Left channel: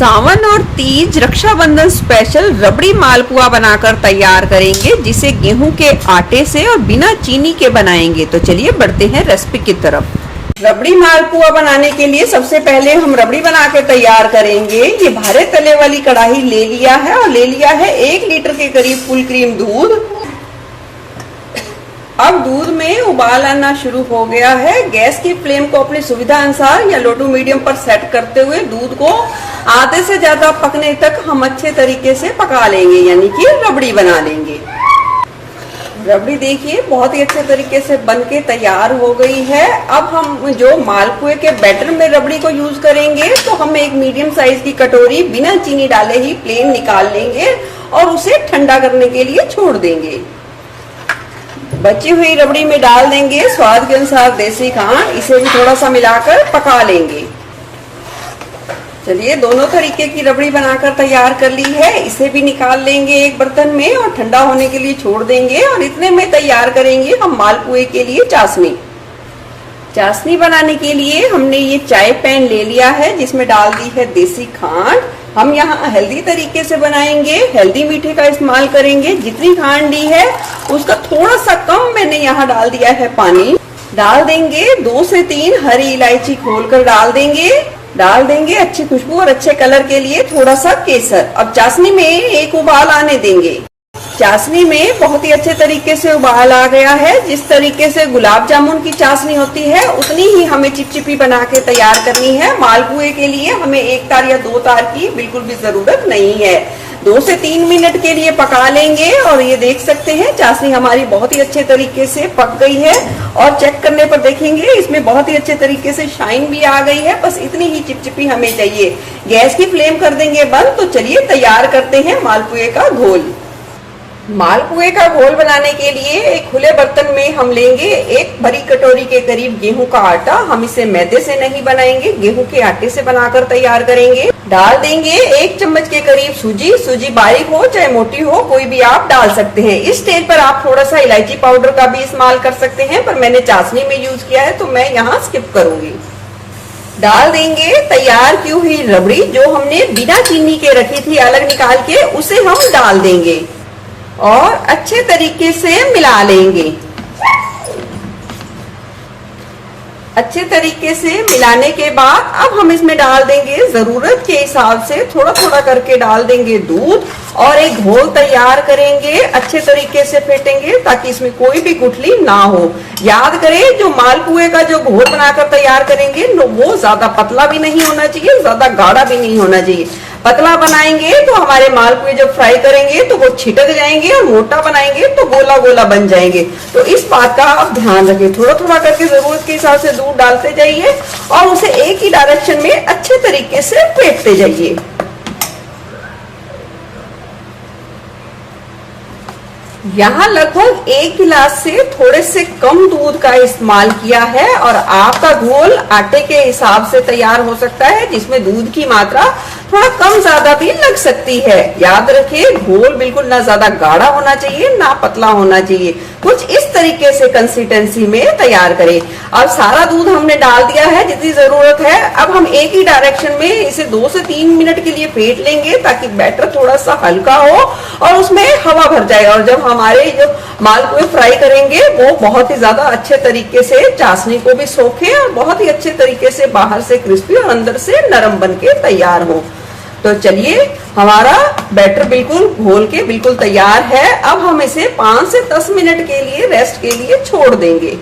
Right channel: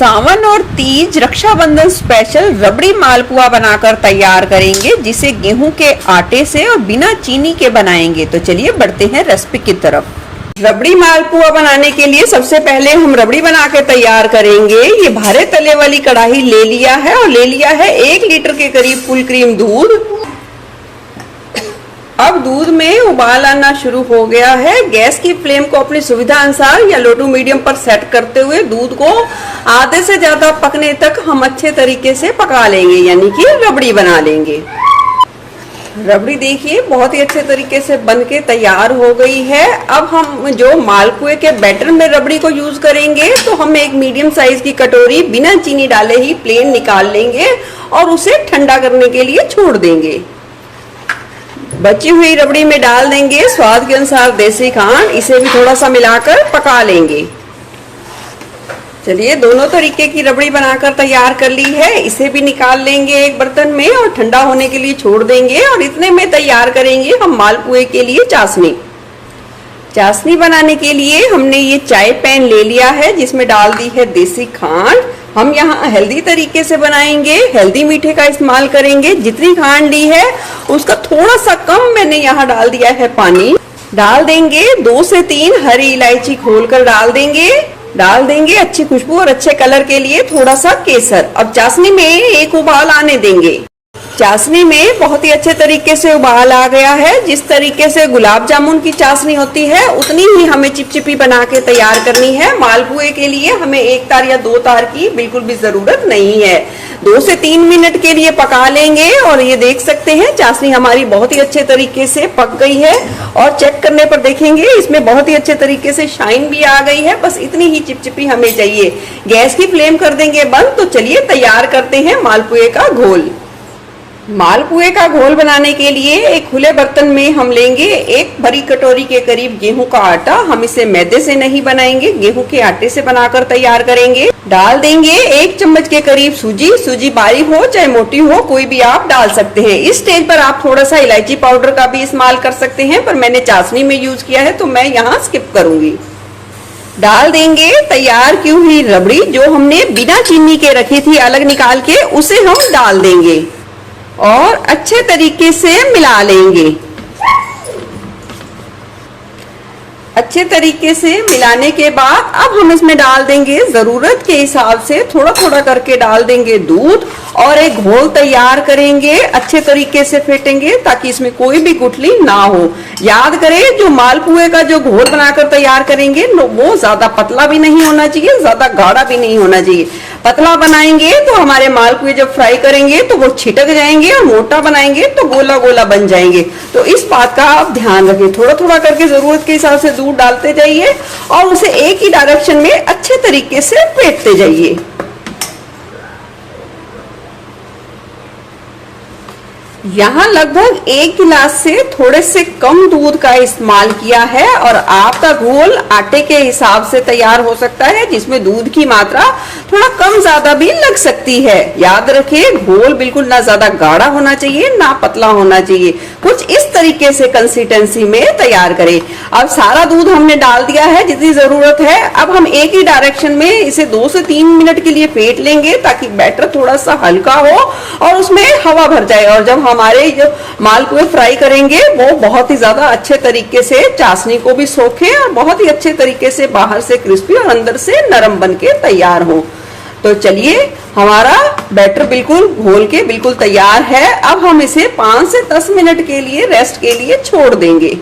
सावन और तीज रक्षाबंधन स्पेशल रबड़ी मालपुआ बनाकर तैयार करेंगे, जिसे गेहूं के आटे से और बिना चीनी के बनाएंगे। तो चलिए बढ़ते हैं रेसिपी की तरफ। रबड़ी मालपुआ बनाने के लिए सबसे पहले हम रबड़ी बना के तैयार करेंगे। ये भारे तले वाली कढ़ाई ले लिया है और ले लिया है 1 लीटर के करीब फुल क्रीम दूध। अब दूध में उबाल आना शुरू हो गया है। गैस की फ्लेम को अपनी सुविधा अनुसार या लो टू मीडियम पर सेट करते हुए दूध को आधे से ज्यादा पकने तक हम अच्छे तरीके से पका लेंगे, यानी कि रबड़ी बना लेंगे। रबड़ी देखिए बहुत ही अच्छे तरीके से बनके तैयार हो गई है। अब हम जो मालपुए के बैटर में रबड़ी को यूज करेंगे, तो हम एक मीडियम साइज की कटोरी बिना चीनी डाले ही प्लेन निकाल लेंगे और उसे ठंडा करने के लिए छोड़ देंगे। बची हुई रबड़ी में डाल देंगे स्वाद के अनुसार देसी खांड। इसे भी थोड़ा सा मिलाकर पका लेंगे। चलिए दोनों तरीके की रबड़ी बनाकर तैयार कर ली है। इसे भी निकाल लेंगे एक बर्तन में और ठंडा होने के लिए छोड़ देंगे। और इतने में तैयार करेंगे हम मालपुए के लिए चाशनी। चाशनी बनाने के लिए हमने ये चाय पैन ले लिया है, जिसमें डाल दी है देसी खांड। हम यहाँ हेल्दी तरीके से बनाएंगे, हेल्दी मीठे का इस्तेमाल करेंगे। जितनी खांड ली है उसका थोड़ा सा कम मैंने यहाँ डाल दिया है पानी। डाल देंगे 2 से 3 हरी इलायची खोलकर डाल देंगे अच्छी खुशबू और अच्छे कलर के लिए थोड़ा सा केसर। अब चाशनी में एक उबाल आने देंगे। चाशनी में बहुत ही अच्छे तरीके से उबाल आ गया है। जिस तरीके से गुलाब जामुन की चाशनी होती है, उतनी ही हमें चिपचिपी बना के तैयार करनी है। मालपुए के लिए हमें 1 तार या 2 तार की बिल्कुल भी जरूरत नहीं है। 2 से 3 मिनट के लिए पका लेंगे। और ये देख सकते हैं चाशनी हमारी बहुत ही अच्छे तरीके से पक गई है। और चेक करने पर देखेंगे इसमें बहुत ही अच्छे तरीके से शाइन भी आ गई है। बस इतनी ही चिपचिपी हमें चाहिए। गैस की फ्लेम कर देंगे बंद। तो चलिए तैयार करते हैं मालपुए का घोल। मालपुए का घोल बनाने के लिए एक खुले बर्तन में हम लेंगे 1 बड़ी कटोरी के करीब गेहूं का आटा। हम इसे मैदे से नहीं बनाएंगे, गेहूं के आटे से बनाकर तैयार करेंगे। डाल देंगे 1 चम्मच के करीब सूजी। सूजी बारीक हो चाहे मोटी हो, कोई भी आप डाल सकते हैं। इस स्टेज पर आप थोड़ा सा इलायची पाउडर का भी इस्तेमाल कर सकते हैं, पर मैंने चाशनी में यूज किया है तो मैं यहाँ स्किप करूंगी। डाल देंगे तैयार की हुई रबड़ी, जो हमने बिना चीनी के रखी थी अलग निकाल के, उसे हम डाल देंगे और अच्छे तरीके से मिला लेंगे। अच्छे तरीके से मिलाने के बाद अब हम इसमें डाल देंगे जरूरत के हिसाब से थोड़ा थोड़ा करके डाल देंगे दूध और एक घोल तैयार करेंगे। अच्छे तरीके से फेंटेंगे ताकि इसमें कोई भी गुठली ना हो। याद करें जो मालपुए का जो घोल बनाकर तैयार करेंगे वो ज्यादा पतला भी नहीं होना चाहिए, ज्यादा गाढ़ा भी नहीं होना चाहिए। पतला बनाएंगे तो हमारे मालपुए जब फ्राई करेंगे तो वो छिटक जाएंगे, और मोटा बनाएंगे तो गोला गोला बन जाएंगे। तो इस बात का आप ध्यान रखें। थोड़ा थोड़ा करके जरूरत के हिसाब से दूध डालते जाइए और उसे एक ही डायरेक्शन में अच्छे तरीके से फेंटते जाइए। यहाँ लगभग 1 गिलास से थोड़े से कम दूध का इस्तेमाल किया है। और आपका घोल आटे के हिसाब से तैयार हो सकता है, जिसमें दूध की मात्रा थोड़ा कम ज्यादा भी लग सकती है। याद रखिए घोल बिल्कुल ना ज्यादा गाढ़ा होना चाहिए ना पतला होना चाहिए। कुछ इस तरीके से कंसिस्टेंसी में तैयार करें। अब सारा दूध हमने डाल दिया है जितनी जरूरत है। अब हम एक ही डायरेक्शन में इसे 2 से 3 मिनट के लिए फेंट लेंगे, ताकि बैटर थोड़ा सा हल्का हो और उसमें हवा भर जाएगा। और जब हमारे जो मालपुए फ्राई करेंगे वो बहुत ही ज्यादा अच्छे तरीके से चाशनी को भी सोखे और बहुत ही अच्छे तरीके से बाहर से क्रिस्पी और अंदर से नरम बन के तैयार हो। तो चलिए हमारा बैटर बिल्कुल घोल के बिल्कुल तैयार है। अब हम इसे 5 से 10 मिनट के लिए रेस्ट के लिए छोड़ देंगे।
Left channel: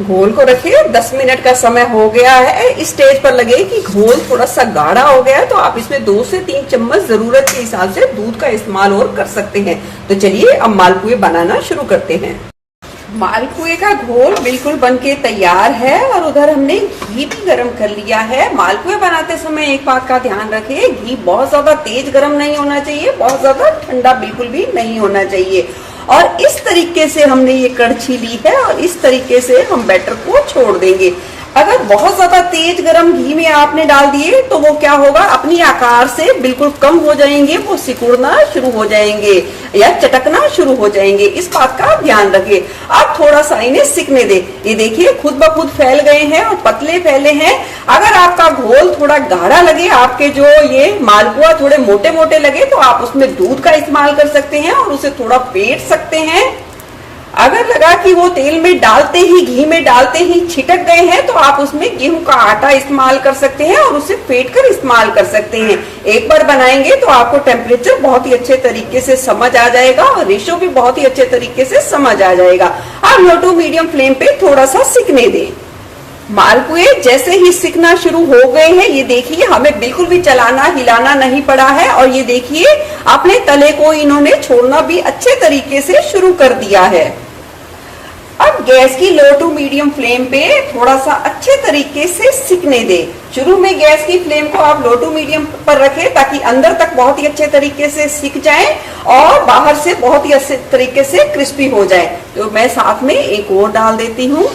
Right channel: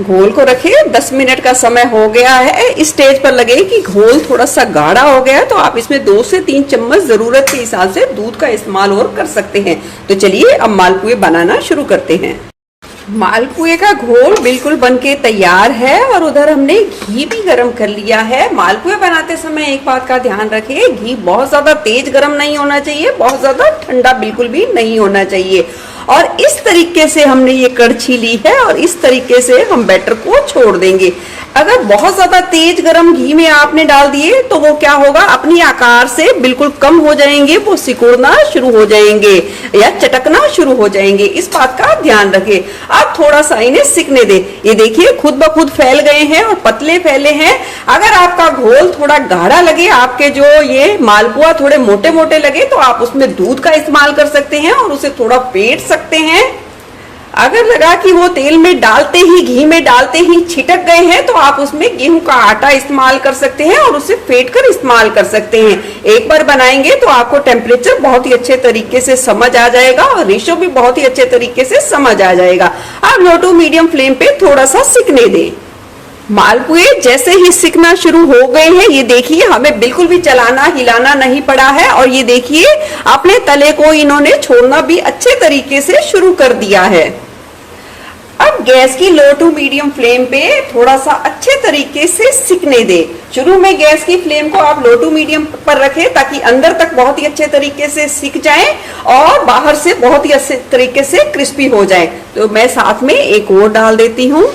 घोल को रखिए, 10 मिनट का समय हो गया है। इस स्टेज पर लगे कि घोल थोड़ा सा गाढ़ा हो गया, तो आप इसमें 2 से 3 चम्मच जरूरत के हिसाब से दूध का इस्तेमाल और कर सकते हैं। तो चलिए अब मालपुए बनाना शुरू करते हैं। मालपुए का घोल बिल्कुल बनके तैयार है और उधर हमने घी भी गरम कर लिया है। मालपुए बनाते समय एक बात का ध्यान रखिए, घी बहुत ज्यादा तेज गरम नहीं होना चाहिए, बहुत ज्यादा ठंडा बिल्कुल भी नहीं होना चाहिए। और इस तरीके से हमने ये कड़छी ली है और इस तरीके से हम बैटर को छोड़ देंगे। अगर बहुत ज्यादा तेज गरम घी में आपने डाल दिए तो वो क्या होगा, अपनी आकार से बिल्कुल कम हो जाएंगे, वो सिकुड़ना शुरू हो जाएंगे या चटकना शुरू हो जाएंगे। इस बात का ध्यान रखें। अब थोड़ा सा इन्हें सिकने दे। ये देखिए खुद ब खुद फैल गए हैं और पतले फैले हैं। अगर आपका घोल थोड़ा गाढ़ा लगे, आपके जो ये मालपुआ थोड़े मोटे मोटे लगे, तो आप उसमें दूध का इस्तेमाल कर सकते हैं और उसे थोड़ा फेंट सकते हैं। अगर लगा कि वो तेल में डालते ही, घी में डालते ही छिटक गए हैं, तो आप उसमें गेहूं का आटा इस्तेमाल कर सकते हैं और उसे फेंट कर इस्तेमाल कर सकते हैं। एक बार बनाएंगे तो आपको टेम्परेचर बहुत ही अच्छे तरीके से समझ आ जाएगा और रेशो भी बहुत ही अच्छे तरीके से समझ आ जाएगा। आप लो टू मीडियम फ्लेम पे थोड़ा सा सिकने दें। मालपुए जैसे ही सिकना शुरू हो गए हैं, ये देखिए हमें बिल्कुल भी चलाना हिलाना नहीं पड़ा है और ये देखिए अपने तले को इन्होंने छोड़ना भी अच्छे तरीके से शुरू कर दिया है। अब गैस की लो टू मीडियम फ्लेम पे थोड़ा सा अच्छे तरीके से सिकने दे। शुरू में गैस की फ्लेम को आप लो टू मीडियम पर रखें ताकि अंदर तक बहुत ही अच्छे तरीके से सिक जाए और बाहर से बहुत ही अच्छे तरीके से क्रिस्पी हो जाए। तो मैं साथ में एक और डाल देती हूँ।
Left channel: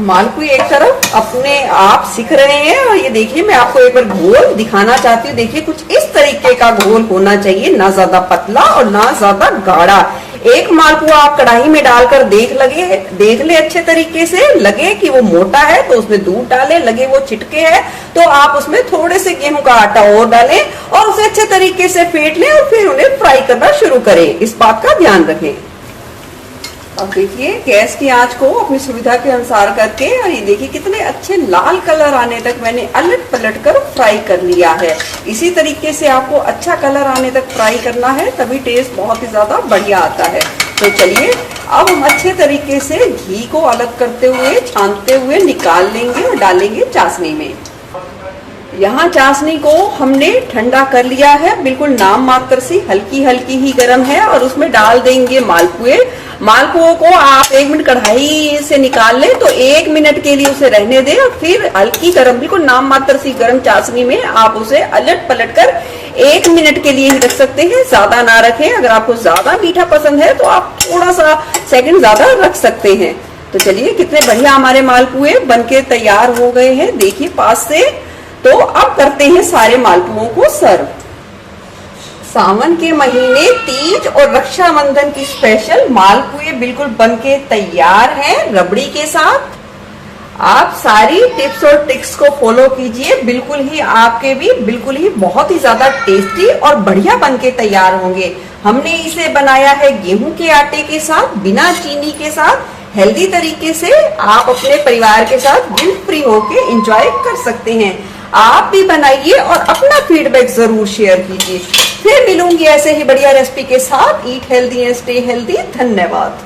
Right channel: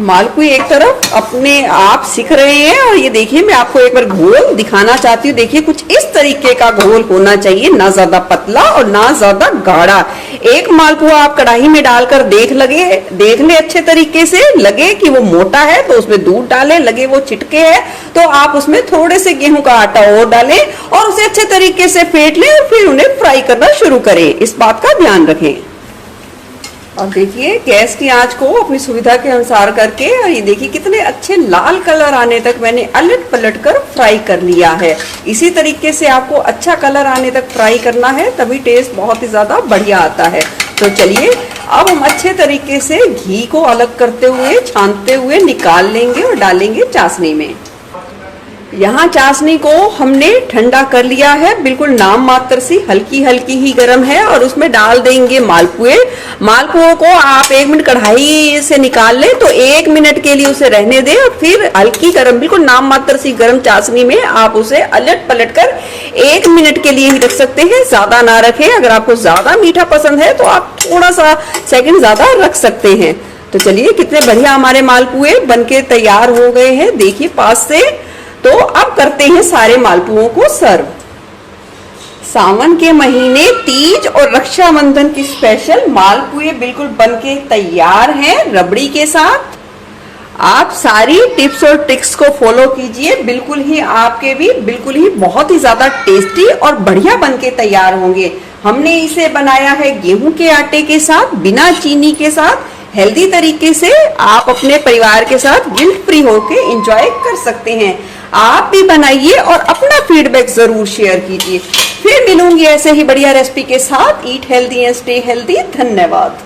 मालपुए एक तरफ अपने आप सिक रहे हैं और ये देखिए मैं आपको एक बार घोल दिखाना चाहती हूँ। देखिए कुछ इस तरीके का घोल होना चाहिए, ना ज्यादा पतला और ना ज्यादा गाढ़ा। एक मालपुआ आप कढ़ाई में डालकर देख ले अच्छे तरीके से, लगे कि वो मोटा है तो उसमें दूध डालें, लगे वो चिटके है तो आप उसमें थोड़े से गेहूं का आटा और डालें और उसे अच्छे तरीके से फेंट लें और फिर उन्हें फ्राई करना शुरू करें। इस बात का ध्यान रखें। अब देखिए गैस की आंच को अपनी सुविधा के अनुसार करके, और ये देखिए कितने अच्छे लाल कलर आने तक मैंने अलट पलट कर फ्राई कर लिया है। इसी तरीके से आपको अच्छा कलर आने तक फ्राई करना है, तभी टेस्ट बहुत ही ज्यादा बढ़िया आता है। तो चलिए अब हम अच्छे तरीके से घी को अलग करते हुए, छानते हुए निकाल लेंगे और डालेंगे चाशनी में। यहाँ चाशनी को हमने ठंडा कर लिया है, बिल्कुल नाम मात्र सी हल्की हल्की ही गर्म है और उसमें डाल देंगे मालपुए। मालपुओं को आप 1 मिनट कढ़ाई से निकाल लें तो 1 मिनट के लिए उसे रहने दें और फिर हल्की गर्म, बिल्कुल नाम मात्र सी गर्म चाशनी में आप उसे अलट पलट कर 1 मिनट के लिए ही रख सकते हैं, ज्यादा ना रखें। अगर आपको ज्यादा मीठा पसंद है तो आप थोड़ा सा सेकंड ज्यादा रख सकते हैं। तो चलिए कितने बढ़िया हमारे मालपुए बनके तैयार हो गए हैं, देखिए पास से। तो अब करते हैं सारे मालपुओं को सर्व। सावन के महीने तीज और रक्षाबंधन की स्पेशल मालपुए बिल्कुल बनके तैयार हैं रबड़ी के साथ। आप सारी टिप्स और ट्रिक्स को फॉलो कीजिए, बिल्कुल ही आपके भी बिल्कुल ही बहुत ही ज्यादा टेस्टी और बढ़िया बनके तैयार होंगे। हमने इसे बनाया है गेहूं के आटे के साथ, बिना चीनी के साथ, हेल्दी तरीके से। आप अपने परिवार के साथ गिल्ट फ्री होके एंजॉय कर सकते हैं। आप भी बनाइए और अपना फीडबैक जरूर शेयर कीजिए। फिर मिलूंगी ऐसे ही बढ़िया रेसिपी के साथ। Eat healthy and stay healthy. धन्यवाद।